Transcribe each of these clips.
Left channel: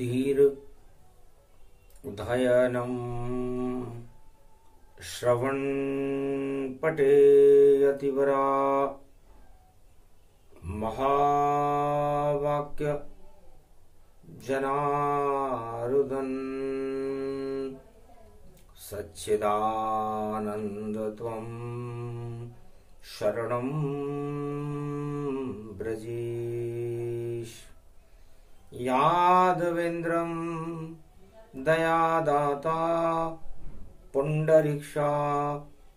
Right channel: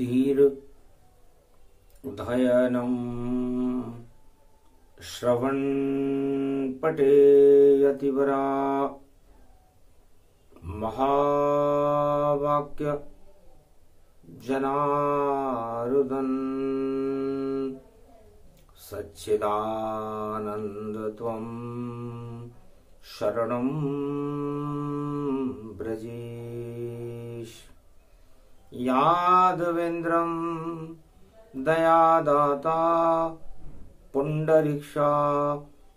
धीर उदयनम् श्रवण पटे अतिवरा महावाक्य जनार्दन सच्चिदानंद त्वं शरणं ब्रजेश। यादवेन्द्रं दयादाता पुंडरीक्षा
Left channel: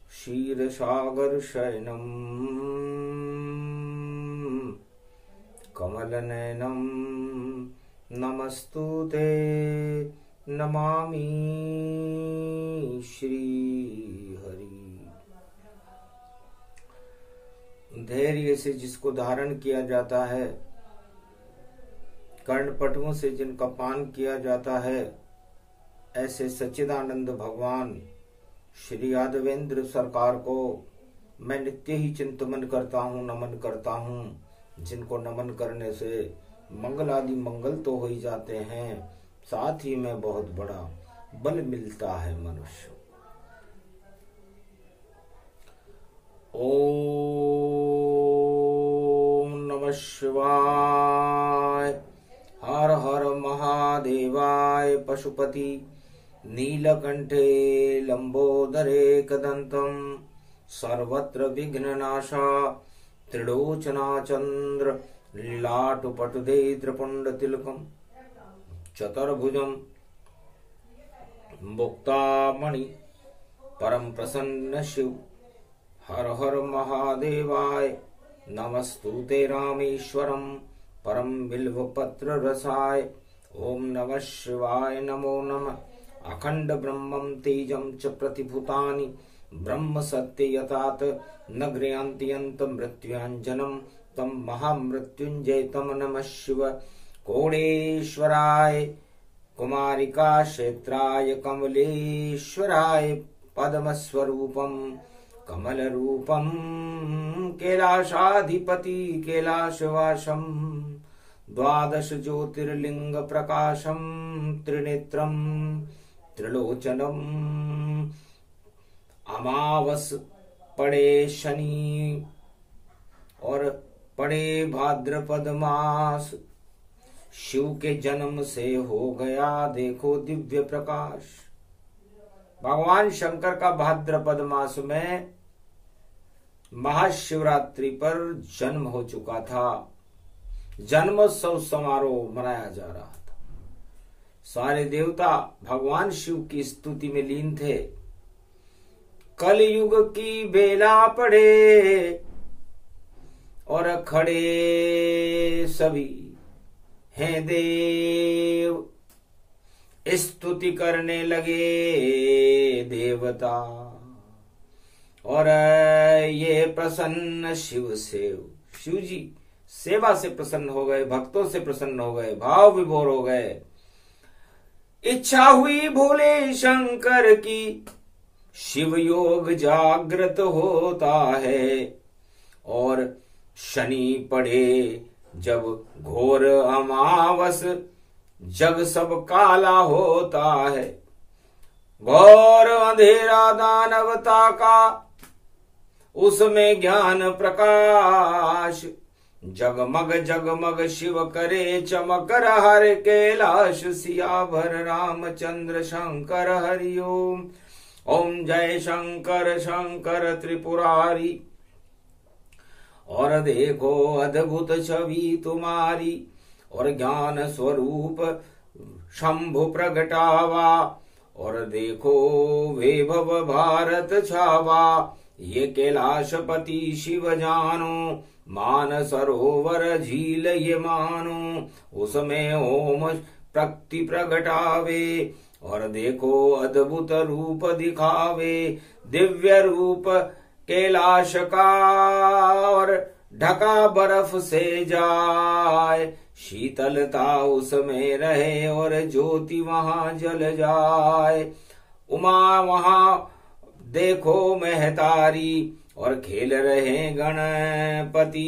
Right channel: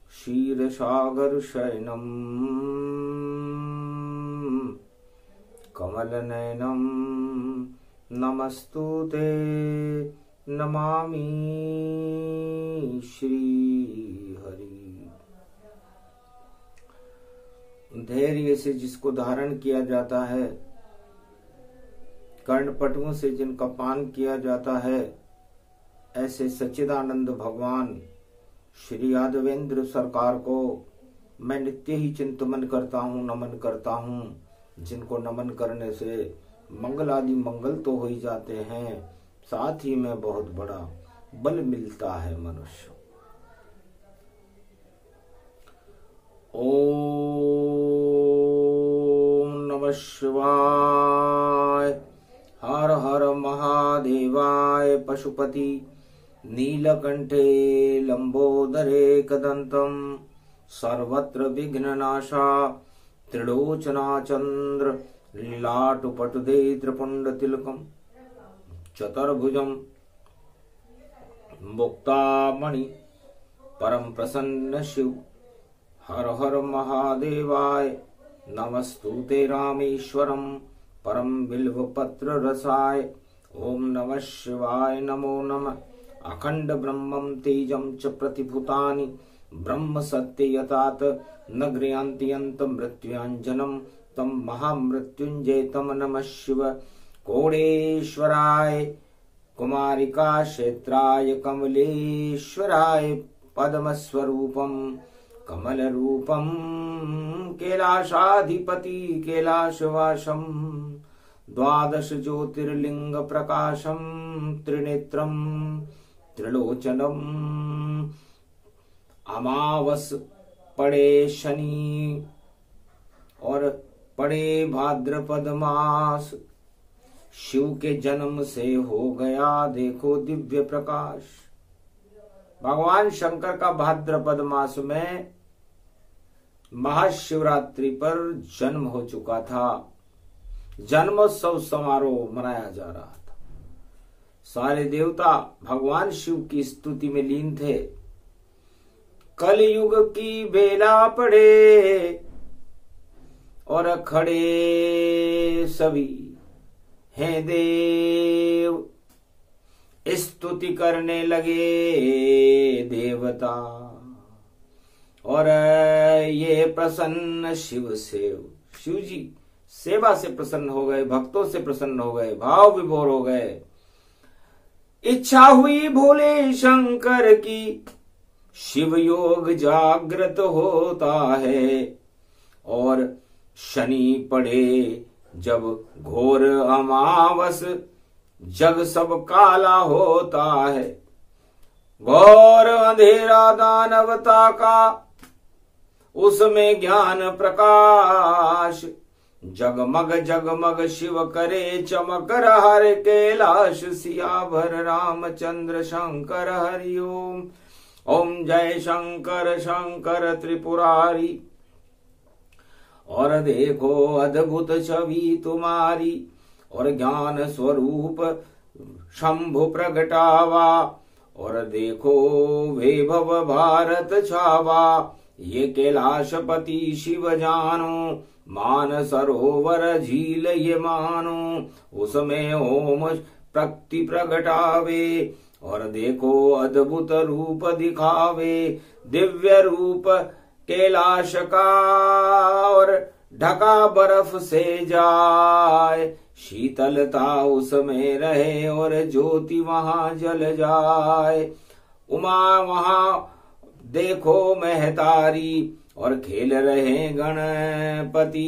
क्षीरसागर शयनम् कमलनयनं नमस्तुते नमामि श्रीहरि। धैर्य से जिसको धारण किया जाता है, कर्णपटुओं से जिनका पान किया जाता है, ऐसे सच्चिदानंद भगवान श्री यादवेंद्र सरकार को मैं नित्य ही चिंतन करता हूँ, नमन करता हूँ, जिनको नमन करने से मंगल आदि मंगल तो हो ही जाते हैं, साथ ही में बहुत बड़ा बल मिलता है मनुष्य। ओम नमः शिवाय। हर हर महादेवाय। पशुपति नीलकंठे लंबोदरे कदंतम सर्वत्र विघ्ननाशा त्रिलोचना चंद्र लीलाटुपटुदे त्रिपुंडतिलकम चतुर्भुजम मुक्तामणि परम प्रसन्न शिव। हर हर महादेवाय। नमस्तुते रामेश्वरम परम बिल्वपत्र रसाय। ओम नमः शिवाय। नमो नमः। अखंड ब्रह्मं तेजं च प्रतिभूतानि ब्रह्म सत्य यतात न गृह्णन्ति मृत्युंजनम तम महामृत्युंजय तम नमः शिव। कोणेश्वराय कुमारिका क्षेत्राय कमलेश्वराय पद्मस्वरूपम कमल रूपम कैलाशाधिपति कैलाशवासम द्वादश ज्योतिर्लिंग प्रकाशम त्रिनेत्रम त्रिलोचनम। अमावस पड़े शनि और पड़े भाद्रपद मास, शिव के जन्म से हो गया देखो दिव्य प्रकाश। भगवान शंकर का भाद्रपद मास में महाशिवरात्रि पर जन्म हो चुका था। जन्मोत्सव समारोह मनाया जा रहा था। सारे देवता भगवान शिव की स्तुति में लीन थे। कलयुग की बेला पड़े और खड़े सभी हैं देव, स्तुति करने लगे देवता। और ये प्रसन्न शिव जी सेवा से प्रसन्न हो गए, भक्तों से प्रसन्न हो गए, भाव विभोर हो गए। इच्छा हुई भोले शंकर की, शिव योग जागृत होता है। और शनि पड़े जब घोर अमावस, जग सब काला होता है। घोर अंधेरा दानवता का, उसमें ज्ञान प्रकाश। जगमग जगमग शिव करे चमक, हर कैलाश सियावर रामचंद्र शंकर हरि ओम। ओम जय शंकर शंकर त्रिपुरारी। और देखो अद्भुत छवि तुम्हारी, और ज्ञान स्वरूप शंभु प्रगटावा। और देखो वैभव भारत छावा, ये कैलाशपति शिव जानो। मान सरोवर झील ये मानो, उसमें ओम प्रकृति प्रगटावे। और देखो अद्भुत रूप दिखावे, दिव्य रूप कैलाश का। और ढका बर्फ से जाए, शीतलता उसमें रहे, और ज्योति वहां जल जाए। उमा वहां देखो महतारी, और खेल रहे गणपति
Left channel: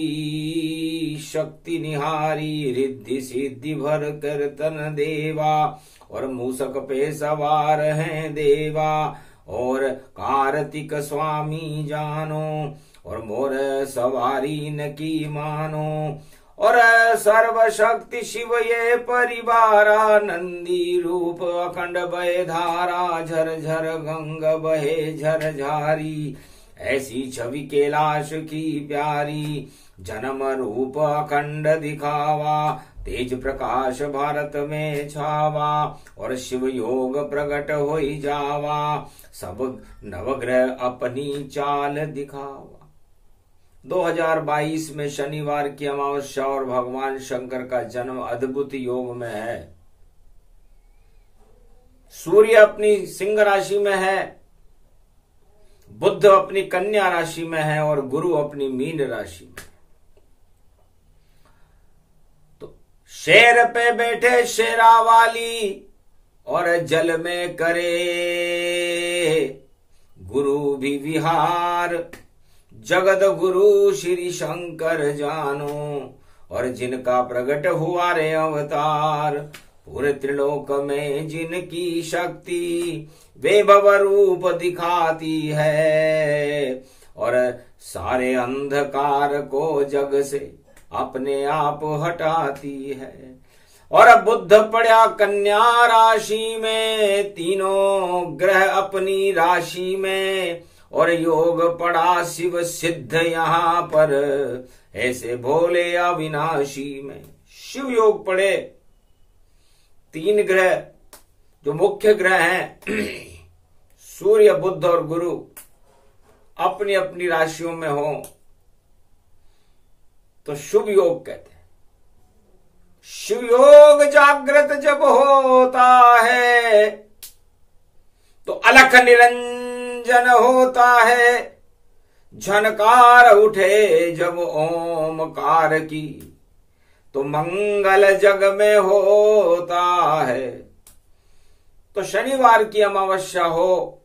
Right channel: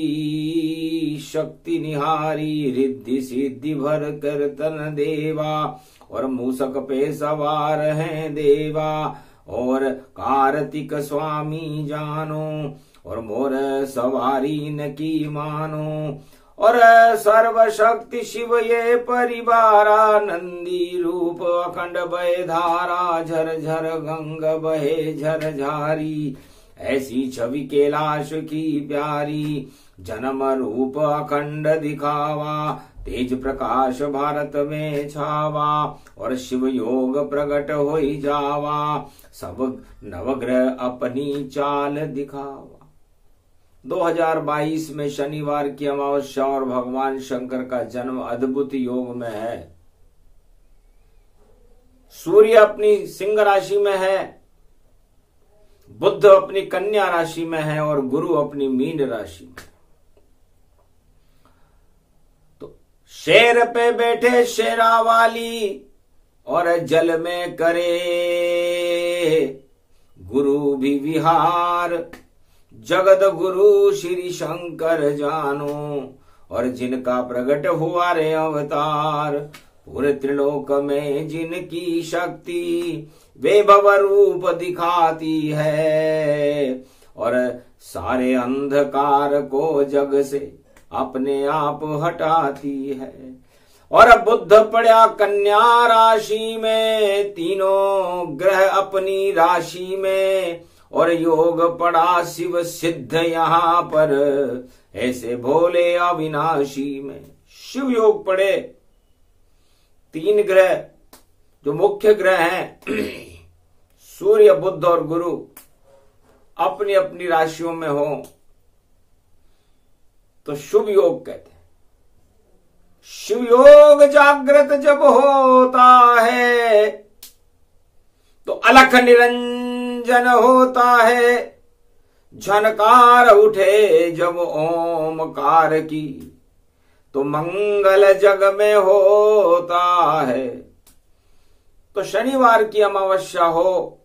शक्ति निहारी, रिद्धि सिद्धि भर कीर्तन देवा, और मूसक पे सवार हैं देवा, और कार्तिक स्वामी जानो, और मोर सवारी न की मानो, और सर्वशक्ति शिव ये परिवारा, नंदी रूप अखंड बहे धारा, झर झर गंग बहे झर झारी, ऐसी छवि कैलाश की प्यारी, जन्म रूप अखंड दिखावा, तेज प्रकाश भारत में छावा, और शिव योग प्रकट होई जावा, सब नवग्रह अपनी चाल दिखावा। 2022 में शनिवार की अमावस्या और भगवान शंकर का जन्म अद्भुत योग में है। सूर्य अपनी सिंह राशि में है, बुध अपनी कन्या राशि में है, और गुरु अपनी मीन राशि में। तो शेर पे बैठे शेरावाली, और जल में करे गुरु भी विहार, जगत गुरु श्री शंकर जानो, और जिनका प्रकट हुआ रे अवतार, पूरे त्रिलोक में जिनकी शक्ति वैभव रूप दिखाती है, और सारे अंधकार को जग से अपने आप हटाती है। और बुध पड़ा कन्या राशि में, तीनों ग्रह अपनी राशि में, और योग पड़ा शिव सिद्ध यहाँ पर, ऐसे भोले अविनाशी में। शिव योग पड़े, तीन ग्रह जो मुख्य ग्रह हैं सूर्य बुध और गुरु अपनी अपनी राशियों में हो तो शुभ योग कहते हैं। शिव योग जागृत जब होता है तो अलख निरंजन होता है, झनकार उठे जब ओमकार की तो मंगल जग में होता है। तो शनिवार की अमावस्या हो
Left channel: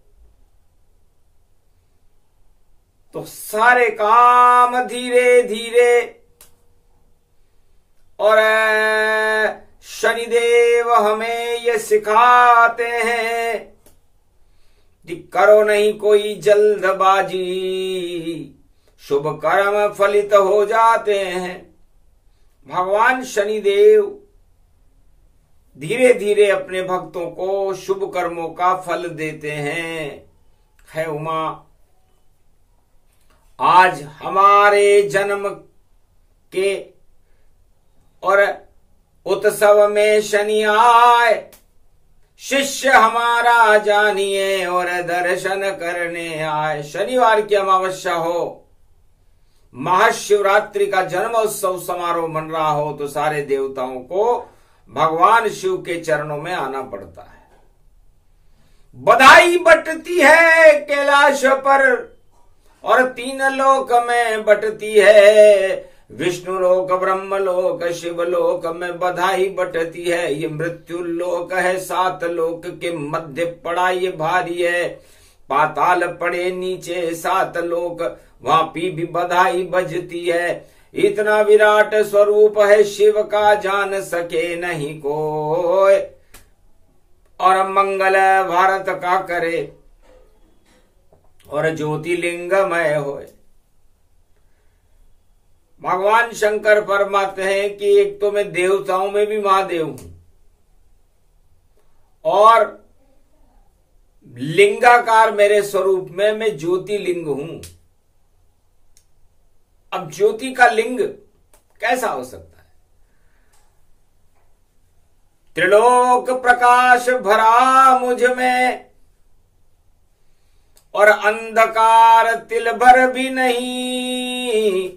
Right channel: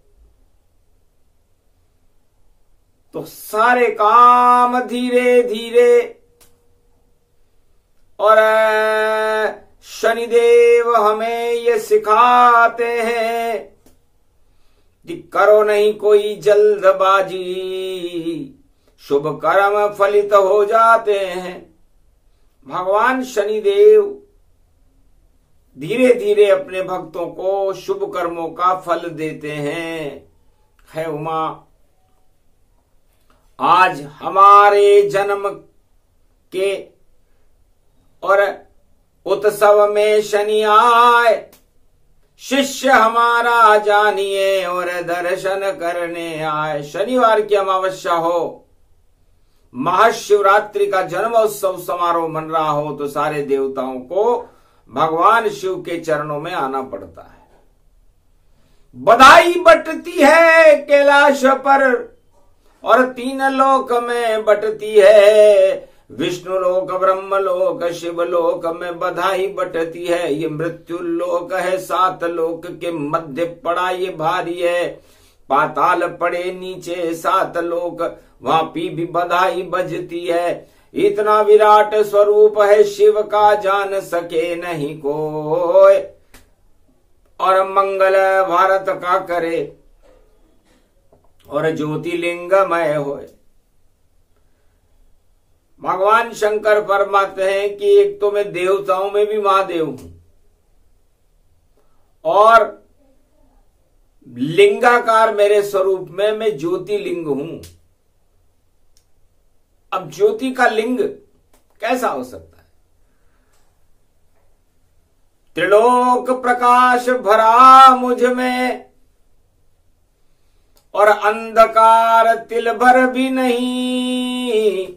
तो सारे काम धीरे धीरे, और शनिदेव हमें ये सिखाते हैं कि करो नहीं कोई जल्दबाजी, शुभ कर्म फलित हो जाते हैं। भगवान शनिदेव धीरे धीरे अपने भक्तों को शुभ कर्मों का फल देते हैं। है उमा, आज हमारे जन्म के और उत्सव में शनि आए, शिष्य हमारा जानिए और दर्शन करने आए। शनिवार की अमावस्या हो, महाशिवरात्रि का जन्म उत्सव समारोह मन रहा हो तो सारे देवताओं को भगवान शिव के चरणों में आना पड़ता है। बधाई बटती है कैलाश पर और तीन लोक में बटती है, विष्णु लोक, ब्रह्म लोक, शिव लोक में बधाई बटती है। ये मृत्यु लोक है, 7 लोक के मध्य पड़ा ये भारी है। पाताल पड़े नीचे 7 लोक, वहां भी बधाई बजती है। इतना विराट स्वरूप है शिव का, जान सके नहीं कोई, और मंगल भारत का करे और ज्योतिर्लिंगमय होए। भगवान शंकर फरमाते हैं कि एक तो मैं देवताओं में भी महादेव हूं और लिंगाकार मेरे स्वरूप में मैं ज्योतिर्लिंग हूं। अब ज्योति का लिंग कैसा हो सकता है? त्रिलोक प्रकाश भरा मुझ में और अंधकार तिल भर भी नहीं,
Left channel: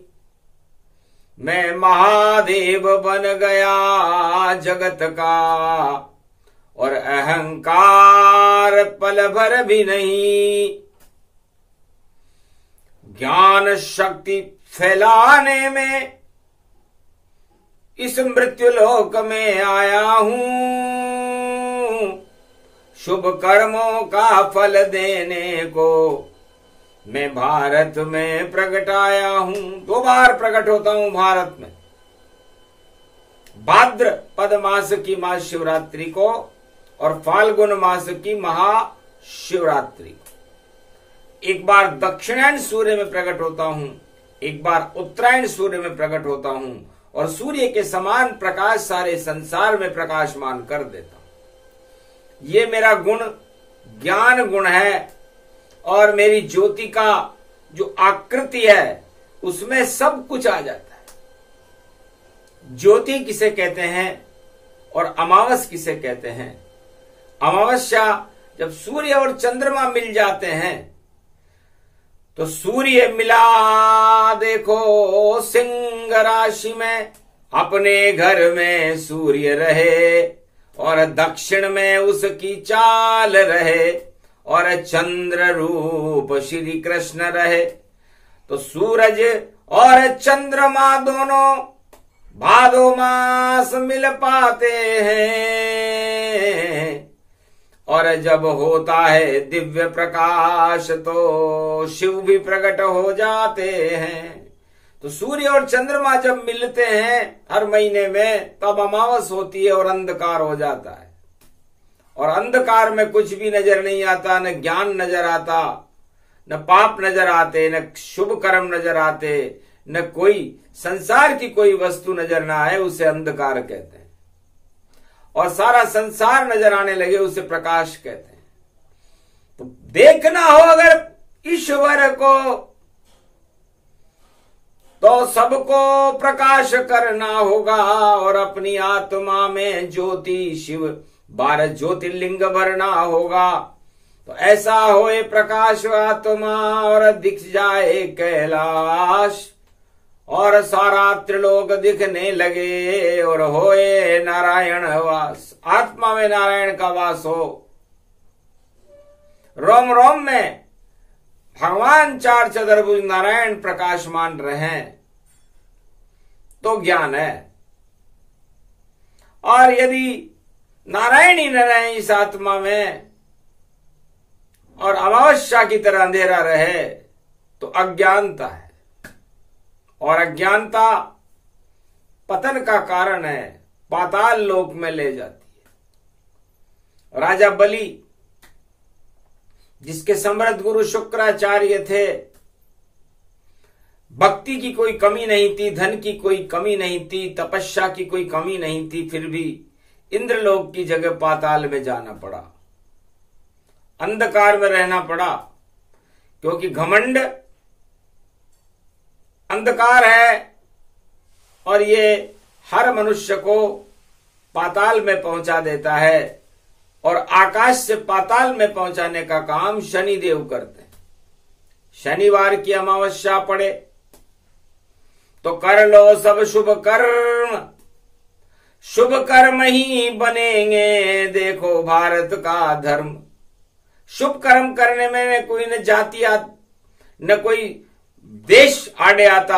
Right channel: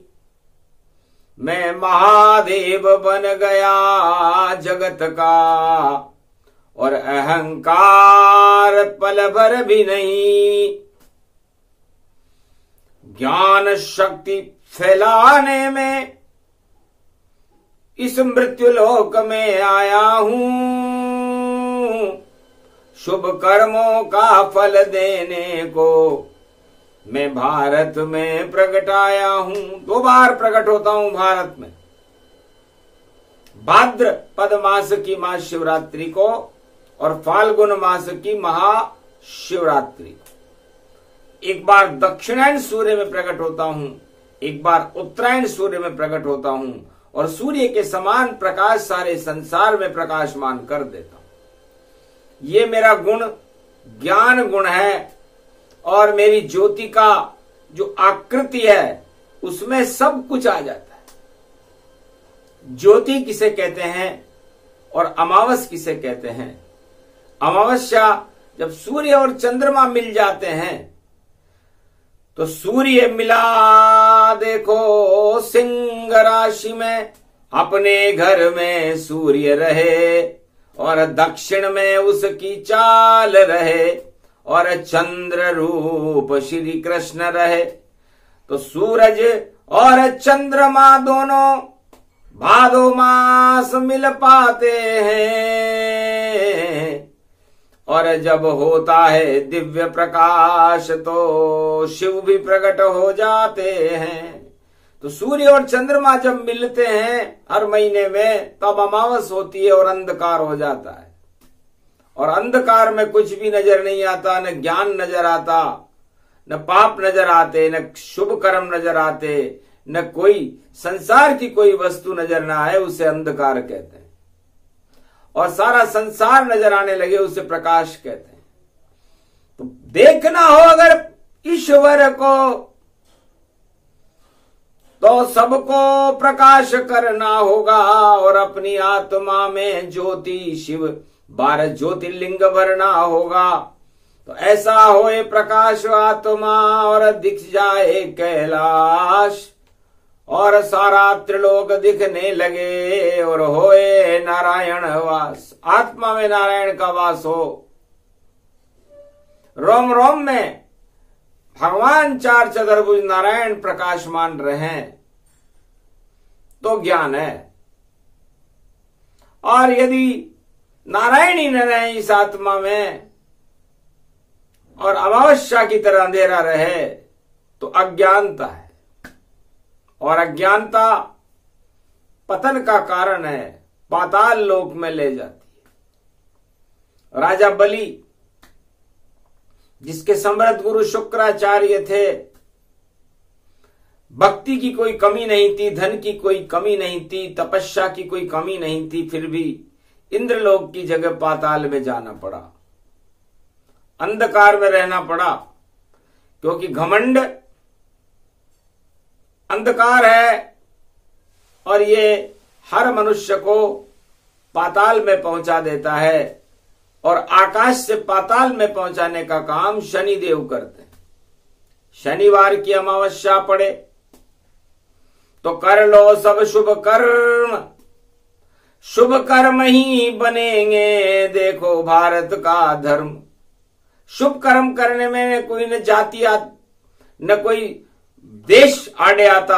मैं महादेव बन गया जगत का और अहंकार पल भर भी नहीं। ज्ञान शक्ति फैलाने में इस मृत्युलोक में आया हूं, शुभ कर्मों का फल देने को मैं भारत में प्रकट आया हूं। 2 बार प्रकट होता हूं भारत में, भाद्रपद मास की महाशिवरात्रि को और फाल्गुन मास की महाशिवरात्रि। एक बार दक्षिणायन सूर्य में प्रकट होता हूं, एक बार उत्तरायण सूर्य में प्रकट होता हूं और सूर्य के समान प्रकाश सारे संसार में प्रकाशमान कर देता हूं। ये मेरा गुण ज्ञान गुण है और मेरी ज्योति का जो आकृति है उसमें सब कुछ आ जाता है। ज्योति किसे कहते हैं और अमावस किसे कहते हैं? अमावस्या जब सूर्य और चंद्रमा मिल जाते हैं तो सूर्य मिला देखो सिंह राशि में, अपने घर में सूर्य रहे और दक्षिण में उसकी चाल रहे और चंद्र रूप श्री कृष्ण रहे। तो सूरज और चंद्रमा दोनों भादो मास मिल पाते हैं और जब होता है दिव्य प्रकाश तो शिव भी प्रकट हो जाते हैं। तो सूर्य और चंद्रमा जब मिलते हैं हर महीने में तब अमावस होती है और अंधकार हो जाता है और अंधकार में कुछ भी नजर नहीं आता, न ज्ञान नजर आता, न पाप नजर आते, न शुभ कर्म नजर आते, न कोई संसार की कोई वस्तु नजर ना आए, उसे अंधकार कहते हैं। और सारा संसार नजर आने लगे उसे प्रकाश कहते हैं। तो देखना हो अगर ईश्वर को तो सबको प्रकाश करना होगा और अपनी आत्मा में ज्योति शिव 12 ज्योतिर्लिंग भरना होगा। तो ऐसा होए प्रकाश आत्मा और दिख जाए कैलाश और सारा त्रिलोक दिखने लगे और होए नारायण वास। आत्मा में नारायण का वास हो, रोम रोम में भगवान 4 चतुर्भुज नारायण प्रकाशमान रहे तो ज्ञान है। और यदि नारायण ही न रहे इस आत्मा में और अमावस्या की तरह अंधेरा रहे तो अज्ञानता है और अज्ञानता पतन का कारण है, पाताल लोक में ले जाती है। राजा बलि जिसके समृद्ध गुरु शुक्राचार्य थे, भक्ति की कोई कमी नहीं थी, धन की कोई कमी नहीं थी, तपस्या की कोई कमी नहीं थी, फिर भी इंद्रलोक की जगह पाताल में जाना पड़ा, अंधकार में रहना पड़ा, क्योंकि घमंड अंधकार है और ये हर मनुष्य को पाताल में पहुंचा देता है और आकाश से पाताल में पहुंचाने का काम शनिदेव करते हैं। शनिवार की अमावस्या पड़े तो कर लो सब शुभ कर्म, शुभ कर्म ही बनेंगे देखो भारत का धर्म। शुभ कर्म करने में कोई न जाति न कोई देश आड़े आता,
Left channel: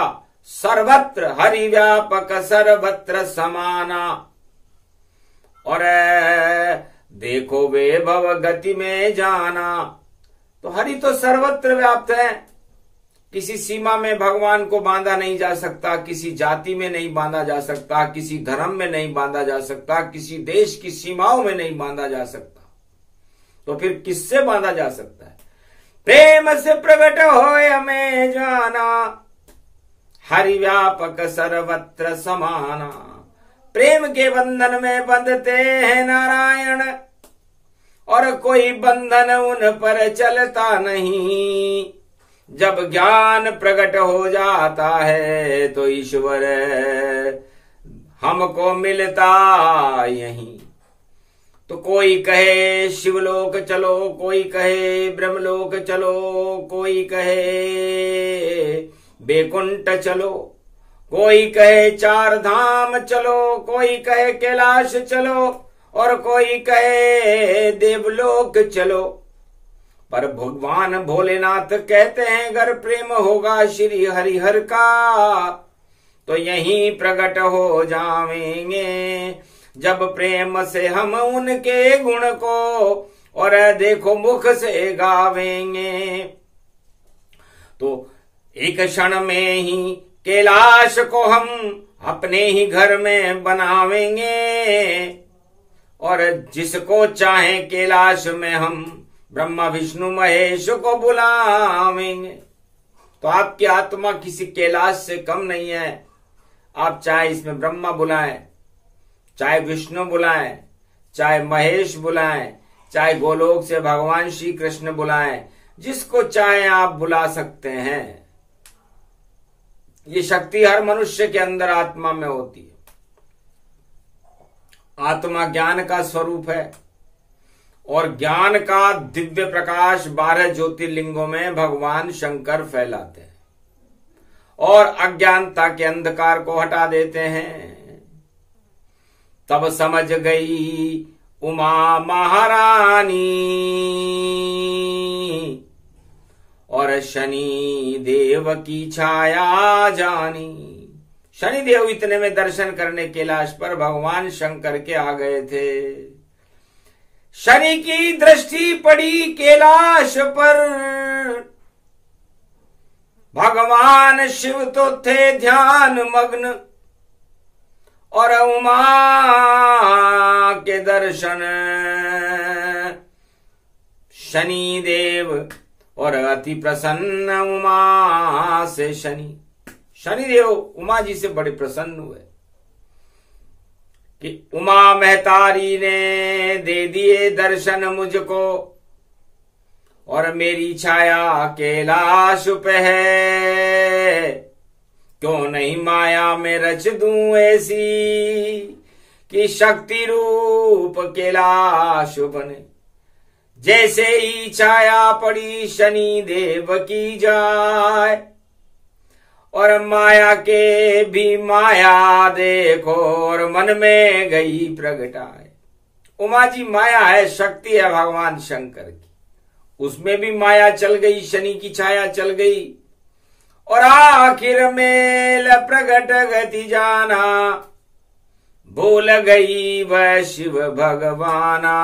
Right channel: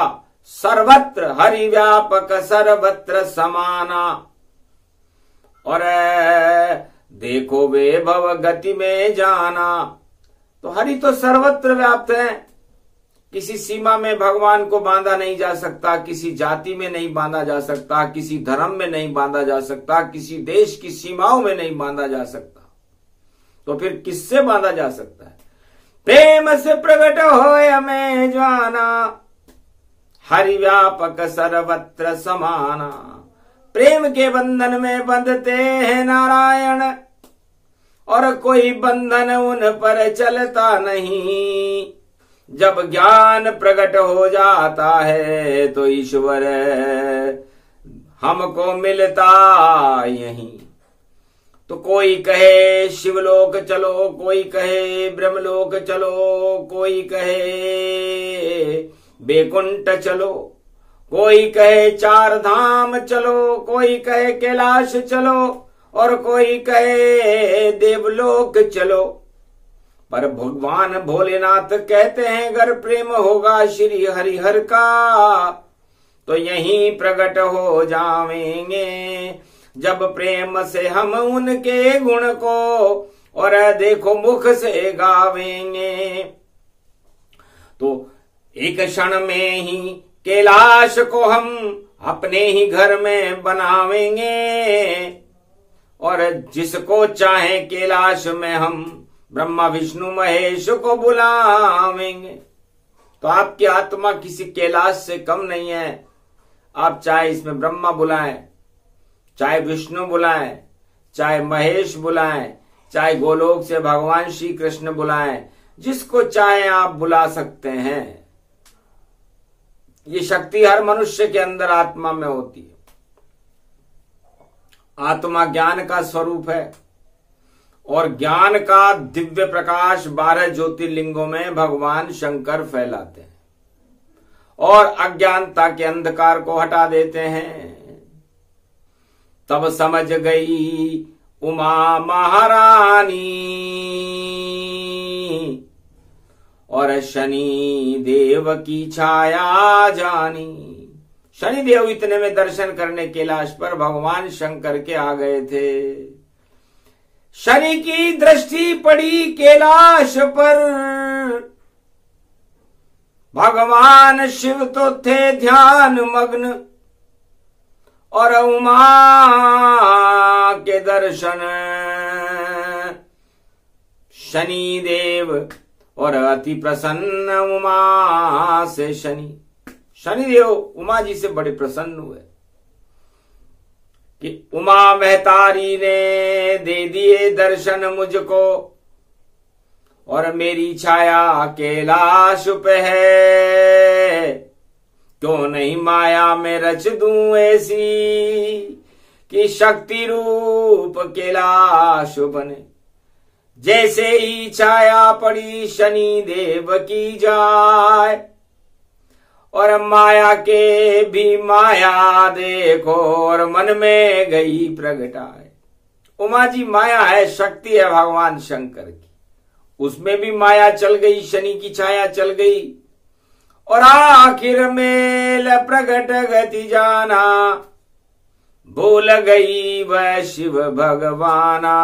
सर्वत्र हरि व्यापक सर्वत्र समाना। और देखो वैभव गति में जाना। तो हरि तो सर्वत्र व्याप्त है, किसी सीमा में भगवान को बांधा नहीं जा सकता, किसी जाति में नहीं बांधा जा सकता, किसी धर्म में नहीं बांधा जा सकता, किसी देश की सीमाओं में नहीं बांधा जा सकता। तो फिर किससे बांधा जा सकता है? प्रेम से प्रकट होए हमें जाना, हरि व्यापक सर्वत्र समाना। प्रेम के बंधन में बंधते हैं नारायण और कोई बंधन उन पर चलता नहीं। जब ज्ञान प्रकट हो जाता है तो ईश्वर हमको मिलता यहीं। तो कोई कहे शिवलोक चलो, कोई कहे ब्रह्मलोक चलो, कोई कहे बैकुंठ चलो, कोई कहे 4 धाम चलो, कोई कहे कैलाश चलो और कोई कहे देवलोक चलो। पर भगवान भोलेनाथ कहते हैं अगर प्रेम होगा श्री हरिहर का तो यहीं प्रकट हो जावेंगे। जब प्रेम से हम उनके गुण को और देखो मुख से गावेंगे। तो एक क्षण में ही कैलाश को हम अपने ही घर में बनावेंगे, और जिसको चाहे कैलाश में हम ब्रह्मा विष्णु महेश को बुलावेंगे। तो आपकी आत्मा किसी कैलाश से कम नहीं है। आप चाहे इसमें ब्रह्मा बुलाएं, चाहे विष्णु बुलाएं, चाहे महेश बुलाएं, चाहे गोलोक से भगवान श्री कृष्ण बुलाएं, जिसको चाहे आप बुला सकते हैं। ये शक्ति हर मनुष्य के अंदर आत्मा में होती है। आत्मा ज्ञान का स्वरूप है, और ज्ञान का दिव्य प्रकाश 12 ज्योतिर्लिंगों में भगवान शंकर फैलाते हैं और अज्ञानता के अंधकार को हटा देते हैं। तब समझ गई उमा महारानी और शनि देव की छाया जानी। शनि देव इतने में दर्शन करने कैलाश पर भगवान शंकर के आ गए थे। शनि की दृष्टि पड़ी कैलाश पर, भगवान शिव तो थे ध्यान मग्न, और उमा के दर्शन शनि देव, और अति प्रसन्न उमा से शनि। शनिदेव उमा जी से बड़े प्रसन्न हुए कि उमा महतारी ने दे दिए दर्शन मुझको, और मेरी छाया कैलाश पे है। क्यों नहीं माया में रच दूं ऐसी कि शक्ति रूप कैलाश बने। जैसे ही छाया पड़ी शनि देव की जाए, और माया के भी माया देखो, और मन में गई प्रगटाए। उमा जी माया है, शक्ति है भगवान शंकर की, उसमें भी माया चल गई, शनि की छाया चल गई, और आखिर मेल प्रगट गति जाना। भूल गई वह शिव भगवाना,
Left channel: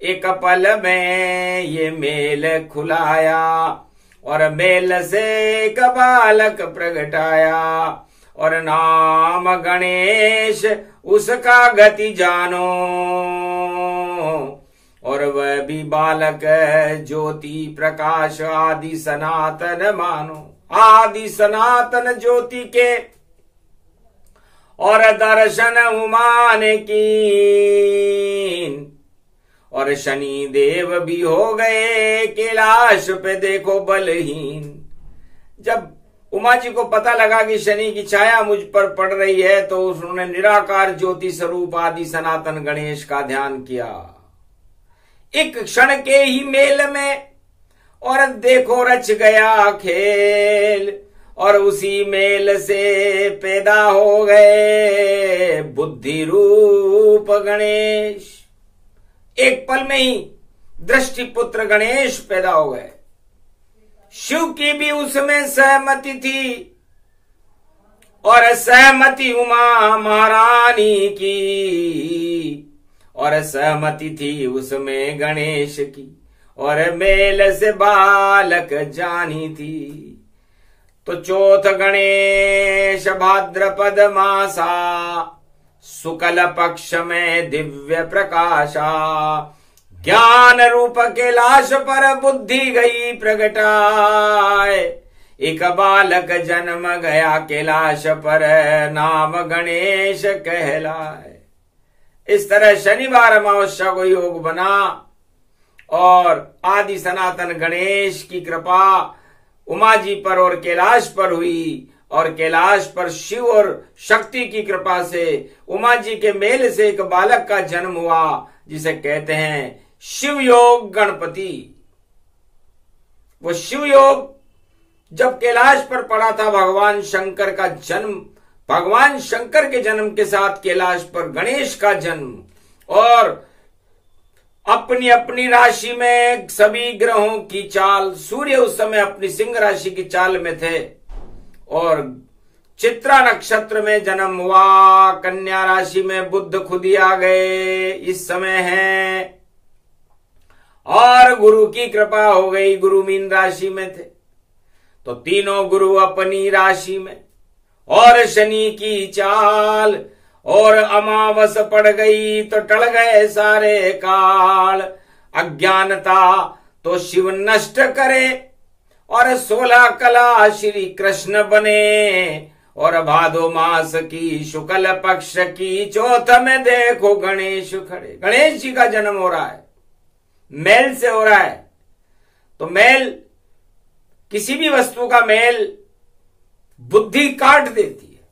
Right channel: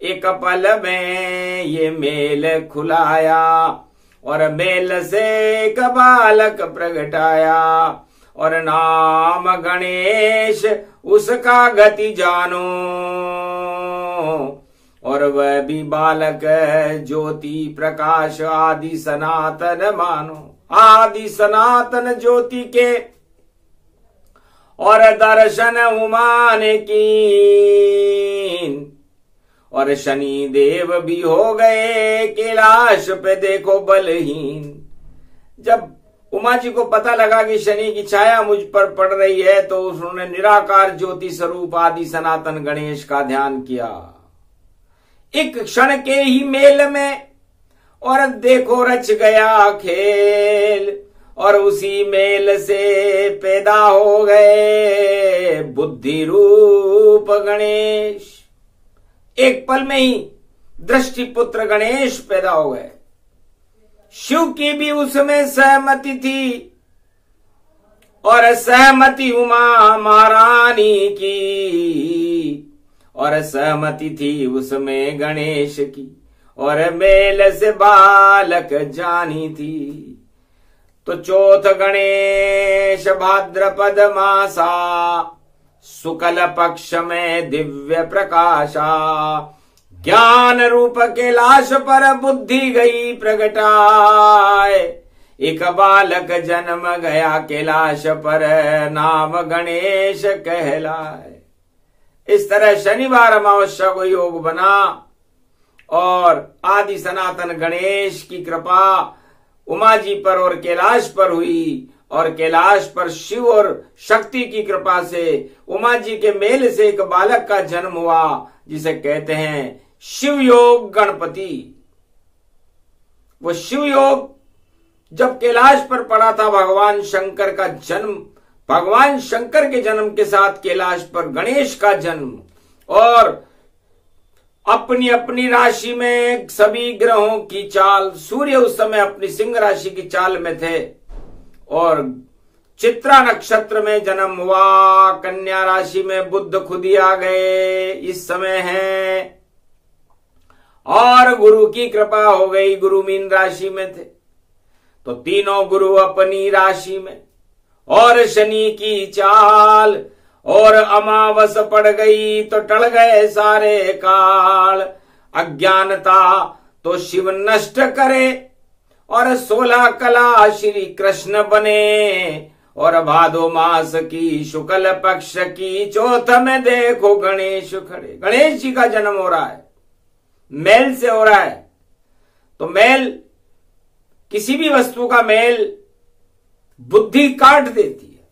एक पल में ये मेल खुलाया, और मेल से एक बालक प्रगटाया, और नाम गणेश उसका गति जानो, और वह भी बालक ज्योति प्रकाश आदि सनातन मानो। आदि सनातन ज्योति के और दर्शन उमा ने कीन, और शनि देव भी हो गए कैलाश पे देखो बलहीन। जब उमा जी को पता लगा कि शनि की छाया मुझ पर पड़ रही है, तो उन्होंने निराकार ज्योति स्वरूप आदि सनातन गणेश का ध्यान किया। एक क्षण के ही मेल में और देखो रच गया खेल, और उसी मेल से पैदा हो गए बुद्धि रूप गणेश। एक पल में ही दृष्टि पुत्र गणेश पैदा हो गए। शिव की भी उसमें सहमति थी, और सहमति उमा महारानी की, और सहमति थी उसमें गणेश की, और मेल से बालक जानी थी। तो चौथ गणेश भाद्रपद मासा, शुक्ल पक्ष में दिव्य प्रकाशा। ज्ञान रूप कैलाश पर बुद्धि गई प्रगटाए, एक बालक जन्म गया कैलाश पर नाम गणेश कहलाए। इस तरह शनिवार अमावस्या को योग बना, और आदि सनातन गणेश की कृपा उमा जी पर और कैलाश पर हुई, और कैलाश पर शिव और शक्ति की कृपा से उमा जी के मेल से एक बालक का जन्म हुआ, जिसे कहते हैं शिव योग गणपति। वो शिव योग जब कैलाश पर पड़ा था, भगवान शंकर का जन्म, भगवान शंकर के जन्म के साथ कैलाश पर गणेश का जन्म, और अपनी अपनी राशि में सभी ग्रहों की चाल। सूर्य उस समय अपनी सिंह राशि की चाल में थे, और चित्रा नक्षत्र में जन्म हुआ। कन्या राशि में बुध खुद ही आ गए इस समय है, और गुरु की कृपा हो गई, गुरु मीन राशि में थे। तो तीनों गुरु अपनी राशि में, और शनि की चाल, और अमावस पड़ गई तो टल गए सारे काल। अज्ञानता तो शिव नष्ट करे, और 16 कला श्री कृष्ण बने। और भादो मास की शुक्ल पक्ष की चौथ में देखो गणेश खड़े। गणेश जी का जन्म हो रहा है, मेल से हो रहा है। तो मेल, किसी भी वस्तु का मेल बुद्धि काट देती है।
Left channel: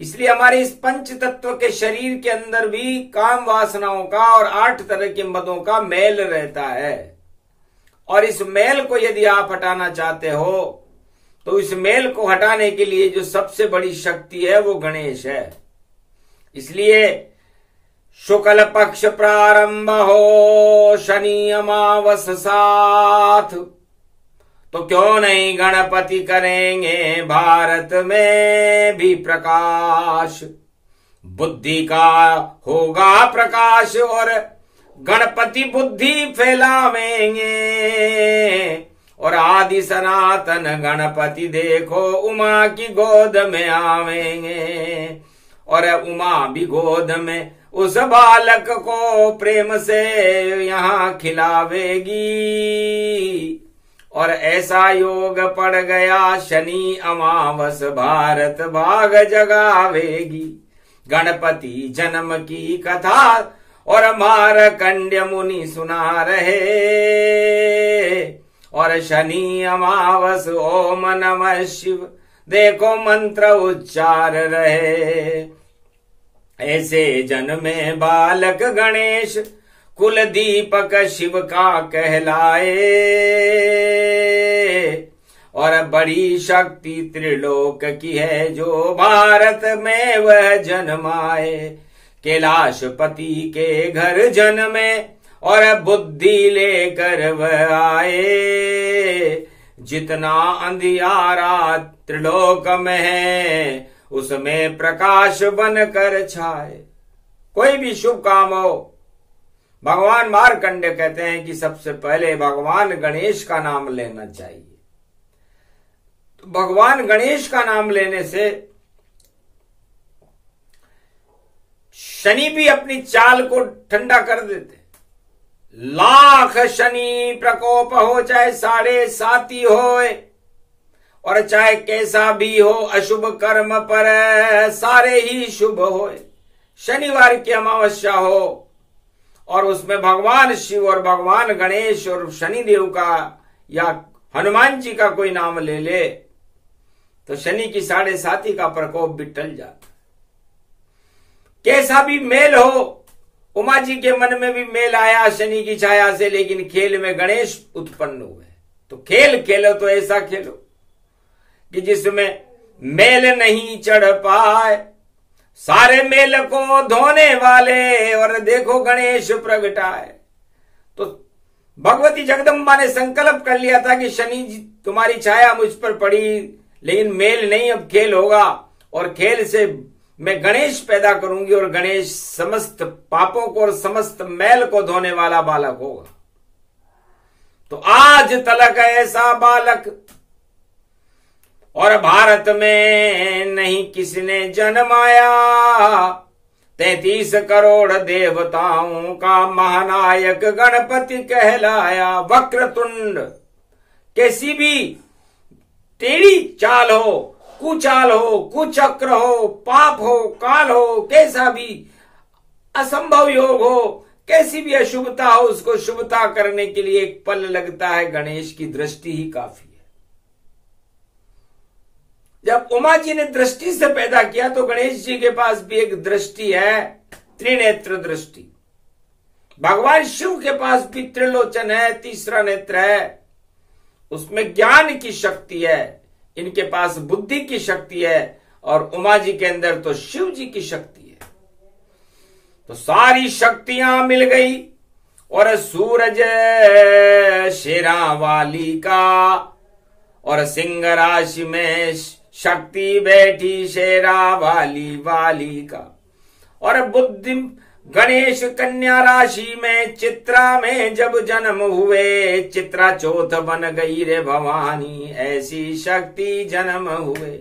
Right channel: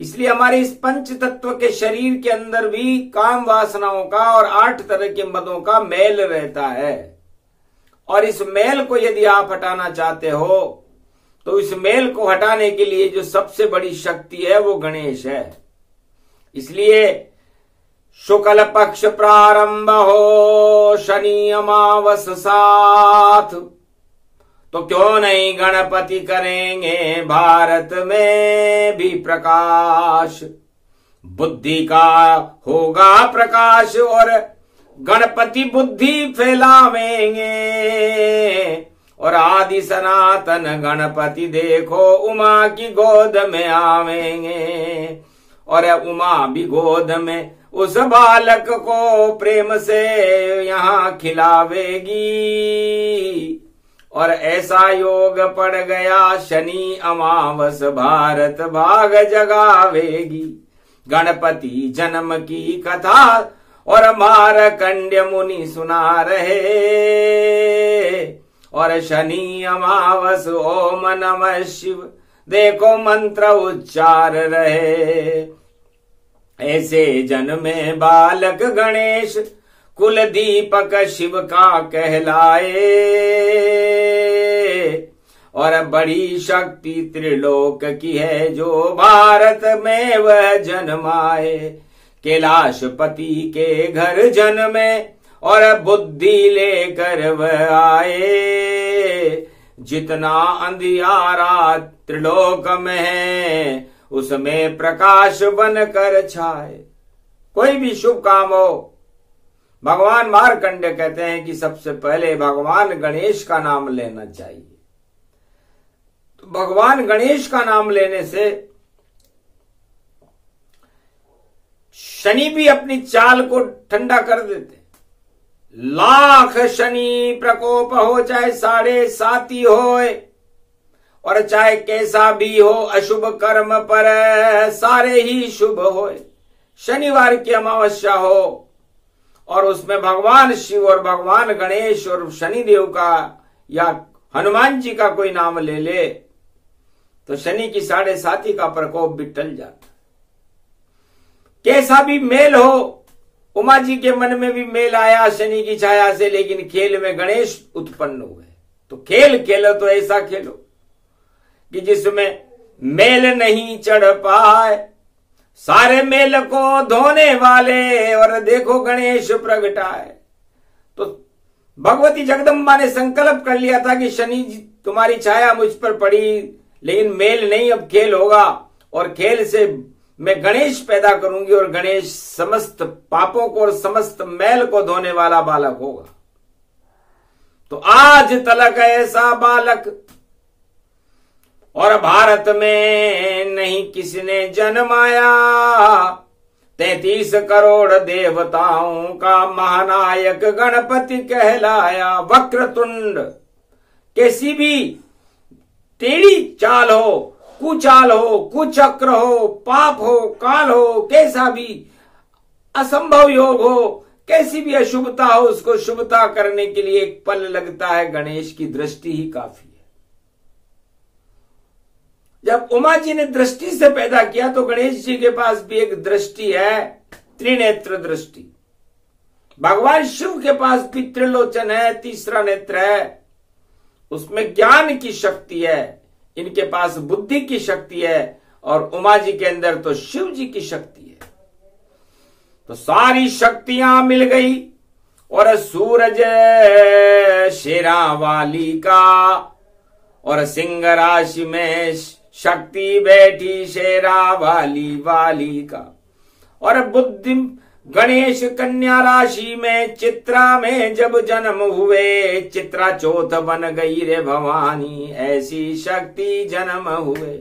इसलिए हमारे इस पंच तत्व के शरीर के अंदर भी काम वासनाओं का और 8 तरह के मदों का मेल रहता है। और इस मेल को यदि आप हटाना चाहते हो तो इस मेल को हटाने के लिए जो सबसे बड़ी शक्ति है वो गणेश है। इसलिए शुक्ल पक्ष प्रारंभ हो, शनि अमावस साथ, तो क्यों नहीं गणपति करेंगे भारत में भी प्रकाश। बुद्धि का होगा प्रकाश और गणपति बुद्धि फैलावेंगे। और आदि सनातन गणपति देखो उमा की गोद में आवेंगे। और उमा भी गोद में उस बालक को प्रेम से यहाँ खिलावेगी। और ऐसा योग पड़ गया शनि अमावस भारत भाग जगावेगी। गणपति जन्म की कथा और मारकंड्य मुनि सुना रहे। और शनि अमावस ओम नमः शिव देखो मंत्र उच्चार रहे। ऐसे जन्मे बालक गणेश कुल दीपक शिव का कहलाए। और बड़ी शक्ति त्रिलोक की है जो भारत में वह जन्माए। कैलाशपति के घर जन्मे और बुद्धि लेकर वह आए। जितना अंधियारा त्रिलोक में है उसमें प्रकाश बनकर छाए। कोई भी शुभ काम हो, भगवान मार्कंडेय कहते हैं कि सबसे पहले भगवान गणेश का नाम लेना चाहिए। तो भगवान गणेश का नाम लेने से शनि भी अपनी चाल को ठंडा कर देते। लाख शनि प्रकोप हो, चाहे 7.5 होए, और चाहे कैसा भी हो अशुभ कर्म पर सारे ही शुभ होए। शनिवार की अमावस्या हो और उसमें भगवान शिव और भगवान गणेश और शनिदेव का या हनुमान जी का कोई नाम ले ले तो शनि की 7.5 का प्रकोप भी टल जाता। कैसा भी मेल हो, उमा जी के मन में भी मेल आया शनि की छाया से, लेकिन खेल में गणेश उत्पन्न हुए। तो खेल खेलो तो ऐसा खेलो कि जिसमें मेल नहीं चढ़ पाए, सारे मेल को धोने वाले और देखो गणेश प्रगटाए। तो भगवती जगदम्बा ने संकल्प कर लिया था कि शनि जी तुम्हारी छाया मुझ पर पड़ी, लेकिन मेल नहीं, अब खेल होगा और खेल से मैं गणेश पैदा करूंगी और गणेश समस्त पापों को और समस्त मैल को धोने वाला बालक होगा। तो आज तलक ऐसा बालक और भारत में नहीं किसने जन्माया। 33 करोड़ देवताओं का महानायक गणपति कहलाया। वक्रतुंड, कैसी भी टेढ़ी चाल हो, कुचाल हो, कुचक्र हो, पाप हो, काल हो, कैसा भी असंभव योग हो, कैसी भी अशुभता हो, उसको शुभता करने के लिए एक पल लगता है। गणेश की दृष्टि ही काफी है। जब उमा जी ने दृष्टि से पैदा किया तो गणेश जी के पास भी एक दृष्टि है, त्रिनेत्र दृष्टि। भगवान शिव के पास भी त्रिलोचन है, तीसरा नेत्र है, उसमें ज्ञान की शक्ति है। इनके पास बुद्धि की शक्ति है और उमा जी के अंदर तो शिव जी की शक्ति है। तो सारी शक्तियां मिल गई और सूरज शेरावाली का और सिंह राशि में शक्ति बैठी शेरावाली वाली का। और गणेश कन्या राशि में चित्रा में जब जन्म हुए, चित्रा चौथ बन गई रे भवानी, ऐसी शक्ति जन्म हुए।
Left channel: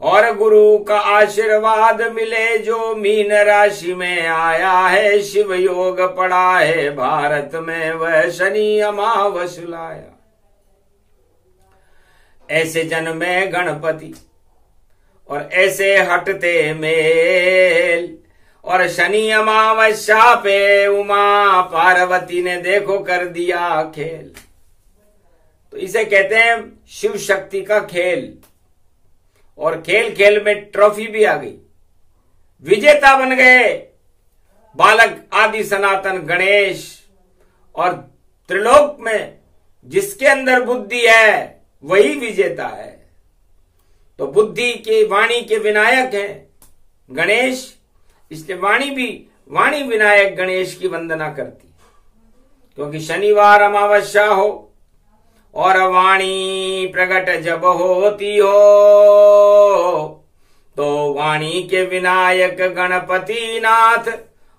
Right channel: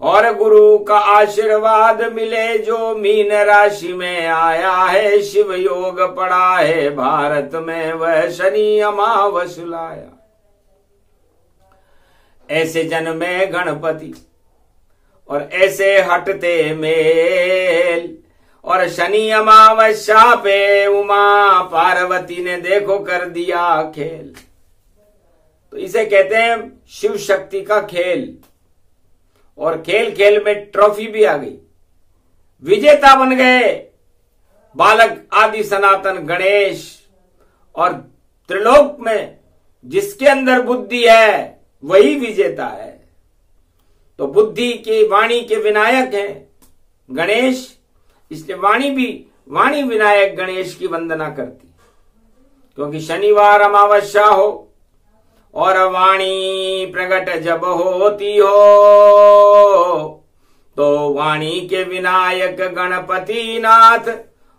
और गुरु का आशीर्वाद मिले जो मीन राशि में आया है, शिव योग पड़ा है भारत में, वह शनि अमावस लाया। ऐसे जन्मे गणपति और ऐसे हटते मेल, और शनि अमावस्या पे उमा पार्वती ने देखो कर दिया खेल। तो इसे कहते हैं शिव शक्ति का खेल। और खेल खेल में ट्रॉफी भी आ गई, विजेता बन गए बालक आदि सनातन गणेश। और त्रिलोक में जिसके अंदर बुद्धि है वही विजेता है। तो बुद्धि की वाणी के विनायक हैं गणेश, इसलिए वाणी विनायक गणेश की वंदना करती, क्योंकि शनिवार अमावस्या हो और वाणी प्रकट जब होती हो, तो वाणी के विनायक गणपति नाथ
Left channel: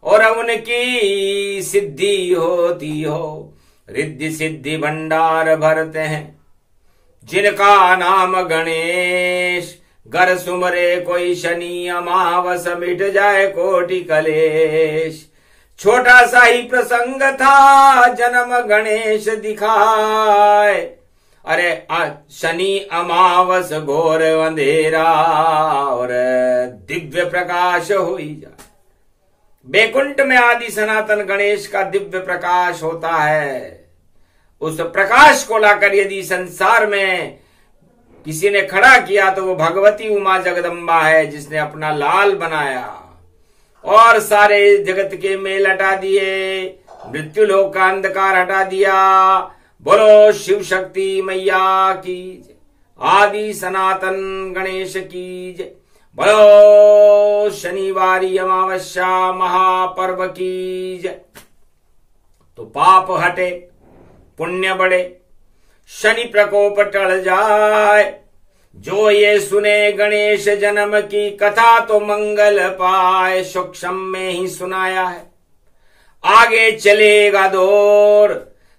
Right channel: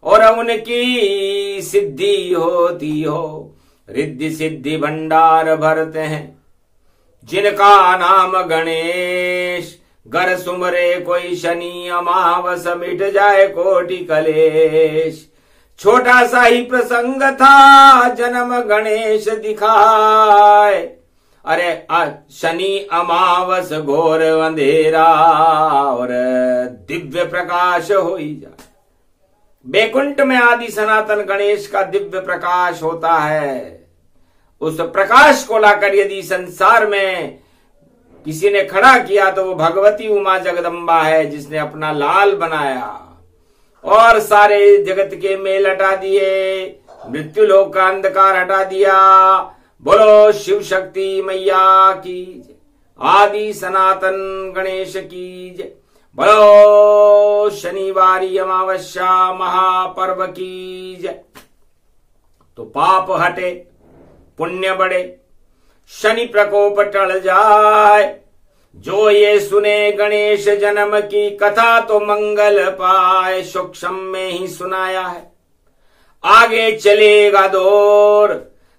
और उनकी सिद्धि होती हो। रिद्धि सिद्धि भंडार भरते हैं जिनका नाम गणेश, घर सुमरे कोई शनि अमावस, मिट जाए कोटि कलेश। छोटा सा ही प्रसंग था जन्म गणेश दिखाए, अरे शनि अमावस घोर अंधेरा और दिव्य प्रकाश हो ही जाए। बैकुंठ में आदि सनातन गणेश का दिव्य प्रकाश होता है। उस प्रकाश को लाकर यदि संसार में किसी ने खड़ा किया तो वो भगवती उमा जगदम्बा है, जिसने अपना लाल बनाया और सारे जगत के मेल हटा दिए, मृत्यु लोक का अंधकार हटा दिया। बोलो शिव शक्ति मैया की जय, आदि सनातन गणेश की जय। बोलो शनिवारी अमावस्या महापर्व की जय। तो पाप हटे पुण्य बढ़े, शनि प्रकोप टल जाए। जो ये सुने गणेश जन्म की कथा तो मंगल पाए, सूक्ष्म में ही सुनाया है। आगे चलेगा दौर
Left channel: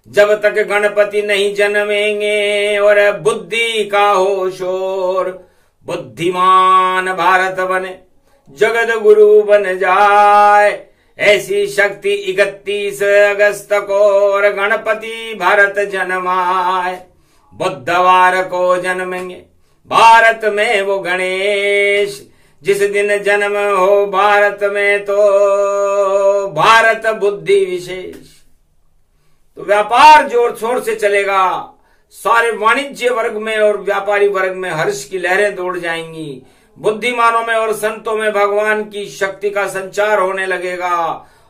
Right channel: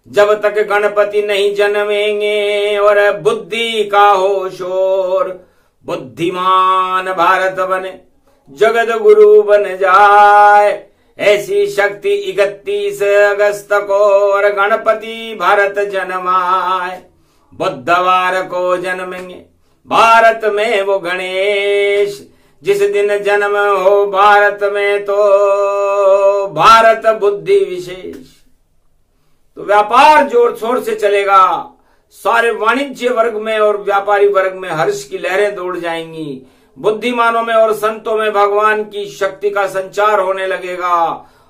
जब तक गणपति नहीं जन्मेंगे और बुद्धि का हो शोर। बुद्धिमान भारत बने जगत गुरु बन जाए, ऐसी शक्ति 31 अगस्त को और गणपति भारत जन्माए। बुधवार को जन्मेंगे भारत में वो गणेश, जिस दिन जन्म हो भारत में तो भारत बुद्धि विशेष। तो व्यापार जोर शोर से चलेगा, सारे वाणिज्य वर्ग में और व्यापारी वर्ग में हर्ष की लहरें दौड़ जाएंगी। बुद्धिमानों में और संतों में भगवान की शक्ति का संचार होने लगेगा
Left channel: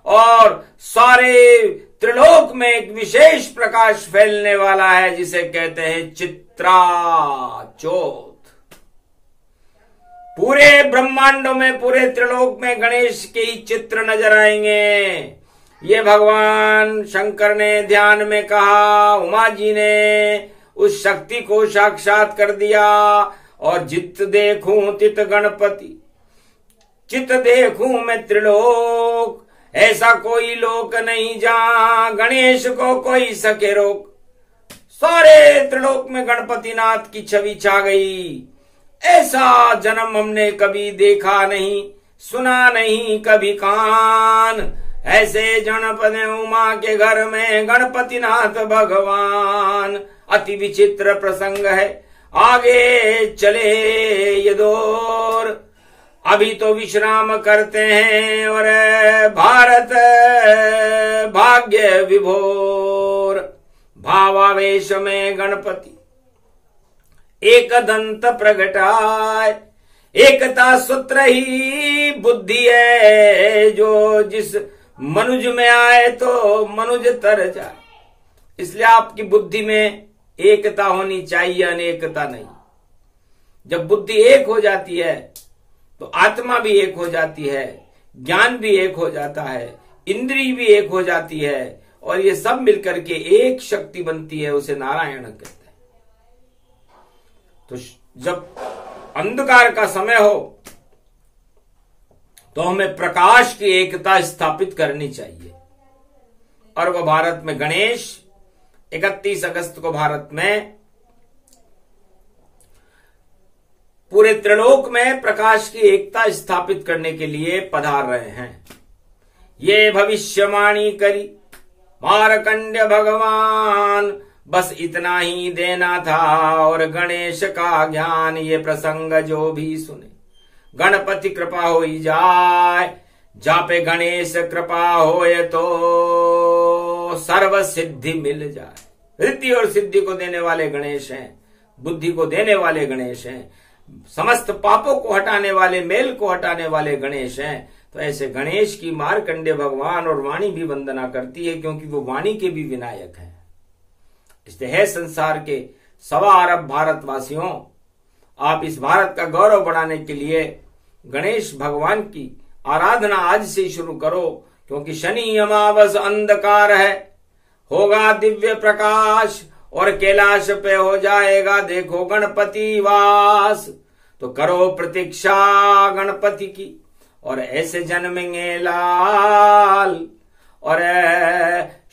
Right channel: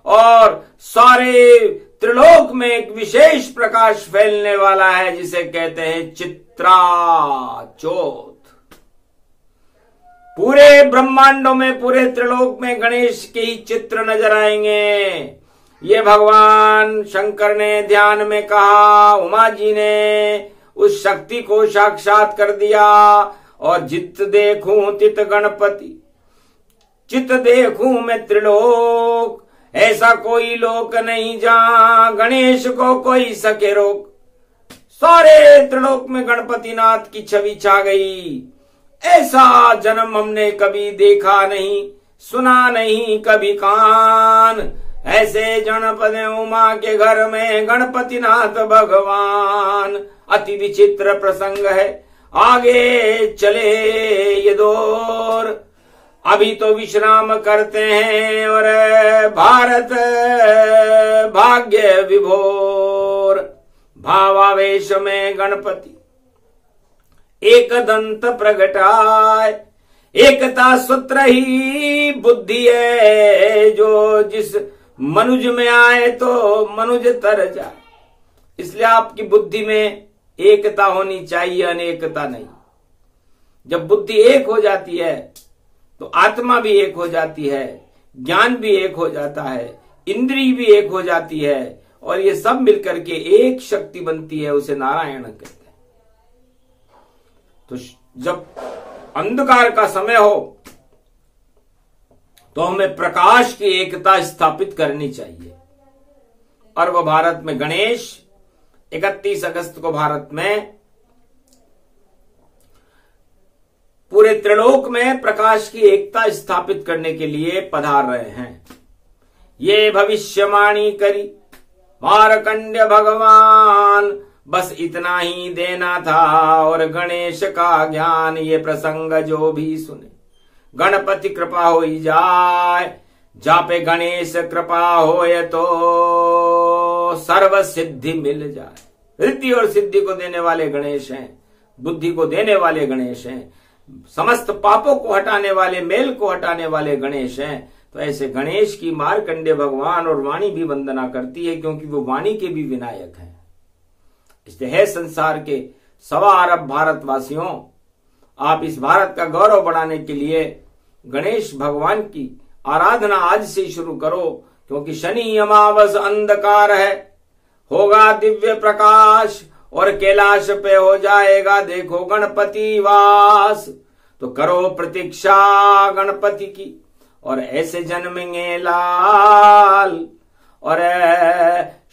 और सारे त्रिलोक में एक विशेष प्रकाश फैलने वाला है, जिसे कहते हैं चित्रा चौथ। पूरे ब्रह्मांडों में, पूरे त्रिलोक में गणेश के ही चित्र नजर आएंगे। ये भगवान शंकर ने ध्यान में कहा, उमा जी ने उस शक्ति को साक्षात कर दिया। और जित देखूं तित गणपति, चित देखूं मैं त्रिलोक, ऐसा कोई लोक नहीं जहां गणेश को कोई सके रोक। सारे त्रिलोक में गणपति नाथ की छवि छा गई। ऐसा जन्म हमने कभी देखा नहीं, सुना नहीं कभी कान। ऐसे गणपति उमा के घर में गणपति नाथ भगवान। अति विचित्र प्रसंग है, आगे चले ये दौर। अभी तो विश्राम करते हैं और भारत भाग्य विभोर। भावावेश में गणपति एक दंत प्रगटाए, एकता सूत्र ही बुद्धि है, जो जिस मनुज में आए तो मनुज तर जाए। इसलिए आपकी बुद्धि में एकता होनी चाहिए, अनेकता नहीं। जब बुद्धि एक हो जाती है तो आत्मा भी एक हो जाती है, ज्ञान भी एक हो जाता है, इंद्रिय भी एक हो जाती है, और ये सब मिलकर के एक शक्ति बनती है, उसे नारायण कहते हैं। तो जब अंधकार का समय हो तो हमें प्रकाश की एकता स्थापित करनी चाहिए। और वो भारत में गणेश 31 अगस्त को भारत में पूरे त्रिलोक में प्रकाश की एकता स्थापित करने के लिए पधार रहे हैं। ये भविष्यवाणी करी मार्कंड्य भगवान, बस इतना ही देना था और गणेश का ज्ञान। ये प्रसंग जो भी सुने गणपति कृपा होई जाए, जापे गणेश कृपा होए तो सर्व सिद्धि मिल जाए। रिद्धि और सिद्धि को देने वाले गणेश हैं, बुद्धि को देने वाले गणेश हैं, समस्त पापों को हटाने वाले, मेल को हटाने वाले गणेश हैं। तो ऐसे गणेश की मार्कंडेय भगवान और वाणी भी वंदना करती है, क्योंकि वो वाणी के भी विनायक हैं। इसलिए है संसार के 1.25 अरब भारतवासियों, आप इस भारत का गौरव बढ़ाने के लिए गणेश भगवान की आराधना आज से ही शुरू करो, क्योंकि शनि अमावस अंधकार है, होगा दिव्य प्रकाश और कैलाश पे हो जाएगा देखो गणपति वास। तो करो प्रतीक्षा गणपति की, और ऐसे जन्मेंगे लाल। और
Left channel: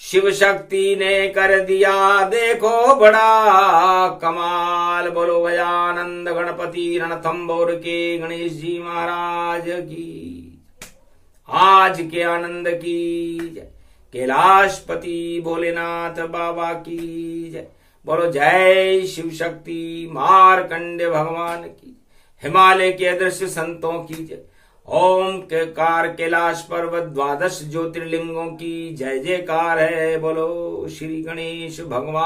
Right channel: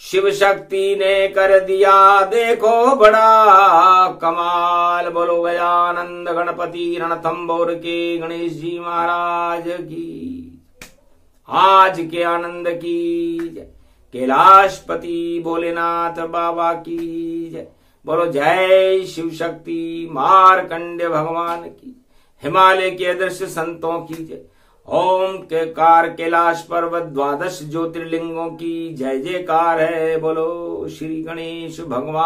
शिव शक्ति ने कर दिया देखो बड़ा कमाल। बोलो गजानंद गणपति रणथंबोर के गणेश जी महाराज की, आज के आनंद की जय। कैलाशपति भोलेनाथ बाबा की जय। बोलो जय शिव शक्ति मार्कंडेय भगवान की, हिमालय के अदृश्य संतों की जय। ओम के कार कैलाश पर्वत 12 ज्योतिर्लिंगों की जय जयकार है। बोलो श्री गणेश भगवान।